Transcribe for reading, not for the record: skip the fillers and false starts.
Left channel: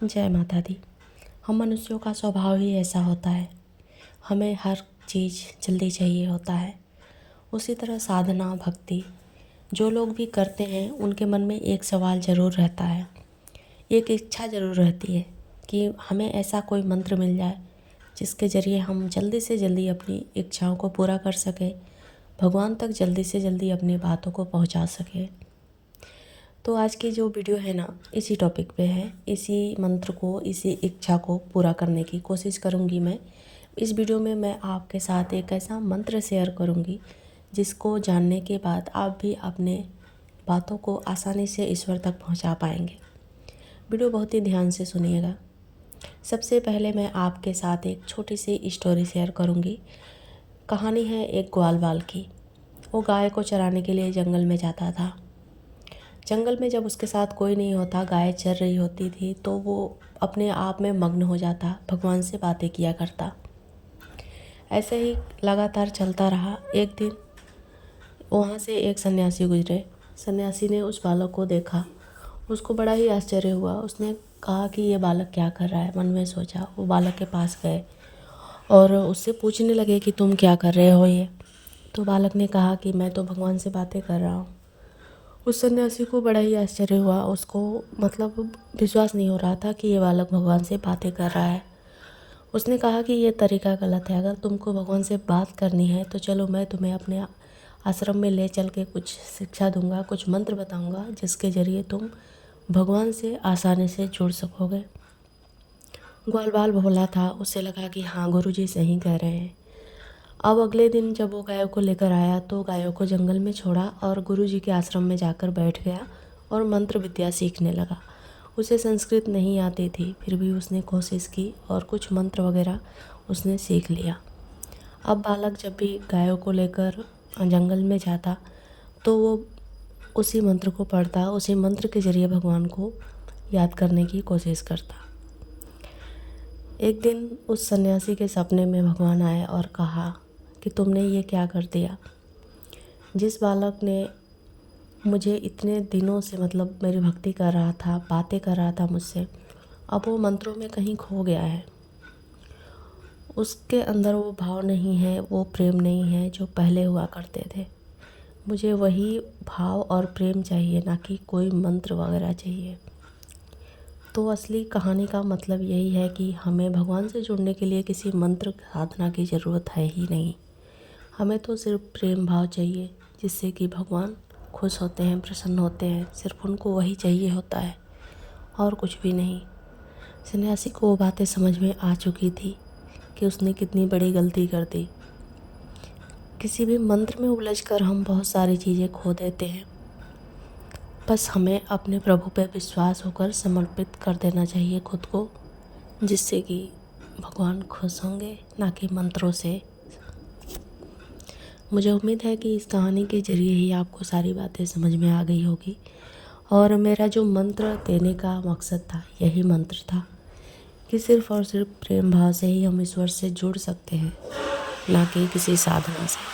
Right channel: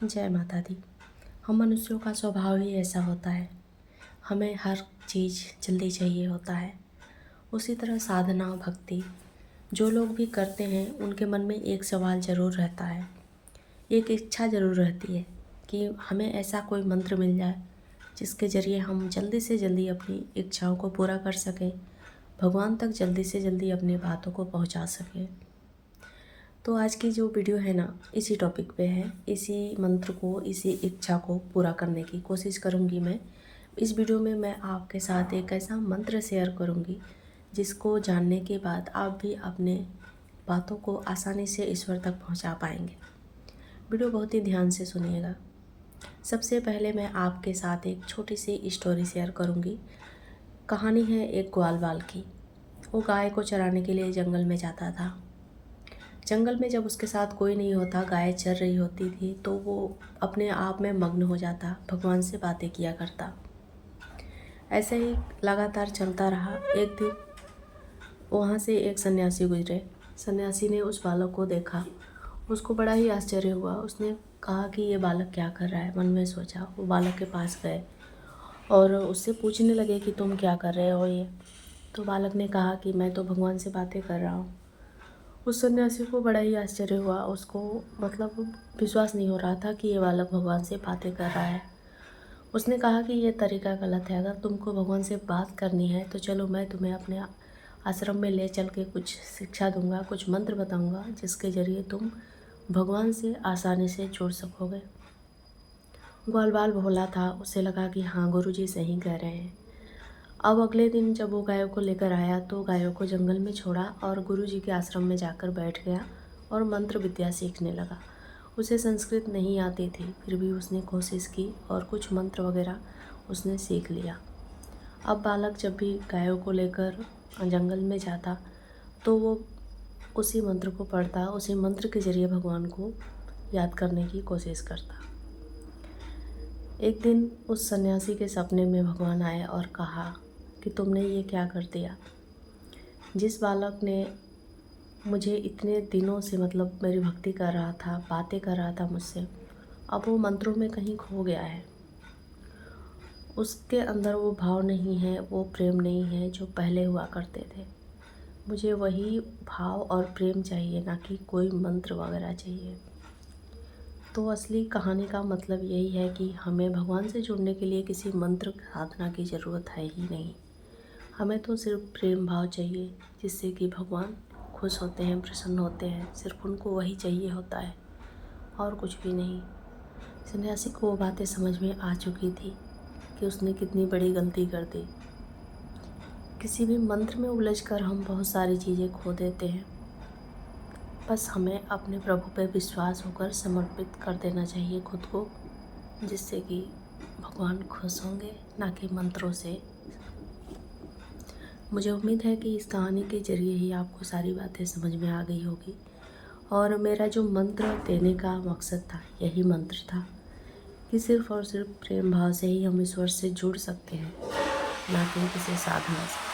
जय माता दी। हम मनुष्यों का स्वभाव ही ऐसा होता है, हमें हर चीज़ जल्दी चाहिए होता है। उसी तरह साधना भक्ति जो लोग भी करते हैं उनके मन में एक सवाल ज़रूर रहता है, एक इच्छा ज़रूर रहती है कि हमें ऐसा कोई मंत्र मिल जाए जिसके ज़रिए हम जल्दी से जल्दी अपनी इच्छाओं को पूरा कर सकें, भगवान तक जल्दी से जल्दी अपनी बातों को पहुंचा सकें। तो आज की जो वीडियो है ना, इसी टॉपिक पे है। इसी मंत्र को, इसी इच्छा को पूरा करने की कोशिश करूँगी मैं। इस वीडियो में मैं आपके साथ एक ऐसा मंत्र शेयर करूँगी जिसको जानने के बाद आप भी अपने बातों को आसानी से ईश्वर तक पहुँचा पाएंगे। वीडियो बहुत ही ध्यान से सुनिएगा। सबसे पहले मैं आपके साथ एक छोटी सी स्टोरी शेयर करूँगी। कहानी है एक ग्वाल बाल की। वो गाय को चराने के लिए जंगल में जाता था। जंगल में जब उसके साथ कोई नहीं होता, गाय चर रही होती थी, तो वो अपने आप में मग्न हो जाता, भगवान से बातें किया करता। ऐसे ही लगातार चलता रहा। एक दिन वहाँ से एक सन्यासी गुजरे। सन्यासी ने उस बालक को देखा, उसको बड़ा ही आश्चर्य हुआ। उसने कहा कि ये बालक क्या कर रहा है। मन में सोचा। वो बालक के पास गए और उससे पूछने लगे कि तुम क्या कर रहे हो ये। तो बालक ने कहा कि मैं तो भगवान से बातें कर रहा हूँ। उस सन्यासी को बड़ा ही आश्चर्य हुआ। उसको मतलब विश्वास नहीं हो रहा था कि ये बालक भगवान से बातें कर रहा है। उसने कहा कि ये तरीका गलत है। अगर तुमको भगवान से बात करनी है तो चलो, मैं तुम्हें अपने आश्रम में ले चल के कुछ शिक्षा दूंगा, कुछ मंत्र बताऊंगा जिसके ज़रिए तुम भगवान से आसानी से जुड़ सकोगे। ग्वाल बाल भोला था। उसे लगा कि हाँ, गुरुजी सही कह रहे हैं। अब अगले दिन जब वो गायों को लेकर आया तो गायों को जंगल में छोड़ा और गुरुजी के आश्रम में जाकर बैठ गया और मंत्र विद्या सीखने लगा। उसे संस्कृत नहीं आती थी, फिर भी उसने कोशिश की और कुछ मंत्र वगैरह उसने सीख लिया। अब बालक जब भी गायों को लेकर जंगल में जाता तो वो उसी मंत्र को पढ़ता, उसी मंत्र के ज़रिए भगवान को याद करने की कोशिश करता। एक दिन उस सन्यासी के सपने में भगवान आए और कहा कि तुमने ये क्या कर दिया। जिस बालक ने मुझे इतने दिनों से मतलब मेरी भक्ति कर रहा था, बातें कर रहा था मुझसे, अब वो मंत्रों में कहीं खो गया है। उसके अंदर वो भाव नहीं है, वो प्रेम नहीं है जो पहले हुआ करते थे। मुझे वही भाव और प्रेम चाहिए, ना कि कोई मंत्र वगैरह चाहिए। तो असली कहानी का मतलब यही है कि हमें भगवान से जुड़ने के लिए किसी मंत्र साधना की ज़रूरत है ही नहीं। हमें तो सिर्फ प्रेम भाव चाहिए, जिससे कि भगवान खुश होते हैं, प्रसन्न होते हैं। सिर्फ उनको वही चाहिए होता है और कुछ भी नहीं। सन्यासी को वो बातें समझ में आ चुकी थी कि उसने कितनी बड़ी गलती कर दी। किसी भी मंत्र में उलझकर हम बहुत सारी चीज़ें खो देते हैं। बस हमें अपने प्रभु पर विश्वास होकर समर्पित कर देना चाहिए खुद को, जिससे कि भगवान खुश होंगे, ना कि मंत्रों से। मुझे उम्मीद है कि इस कहानी के ज़रिए ही आपको सारी बातें समझ में आ गई होगी। और मेरा जो मंत्र देने का मकसद था, यही मंत्र था कि सिर्फ़ और सिर्फ प्रेम भाव से ही हम ईश्वर से जुड़ सकते हैं, ना कि किसी साधना से।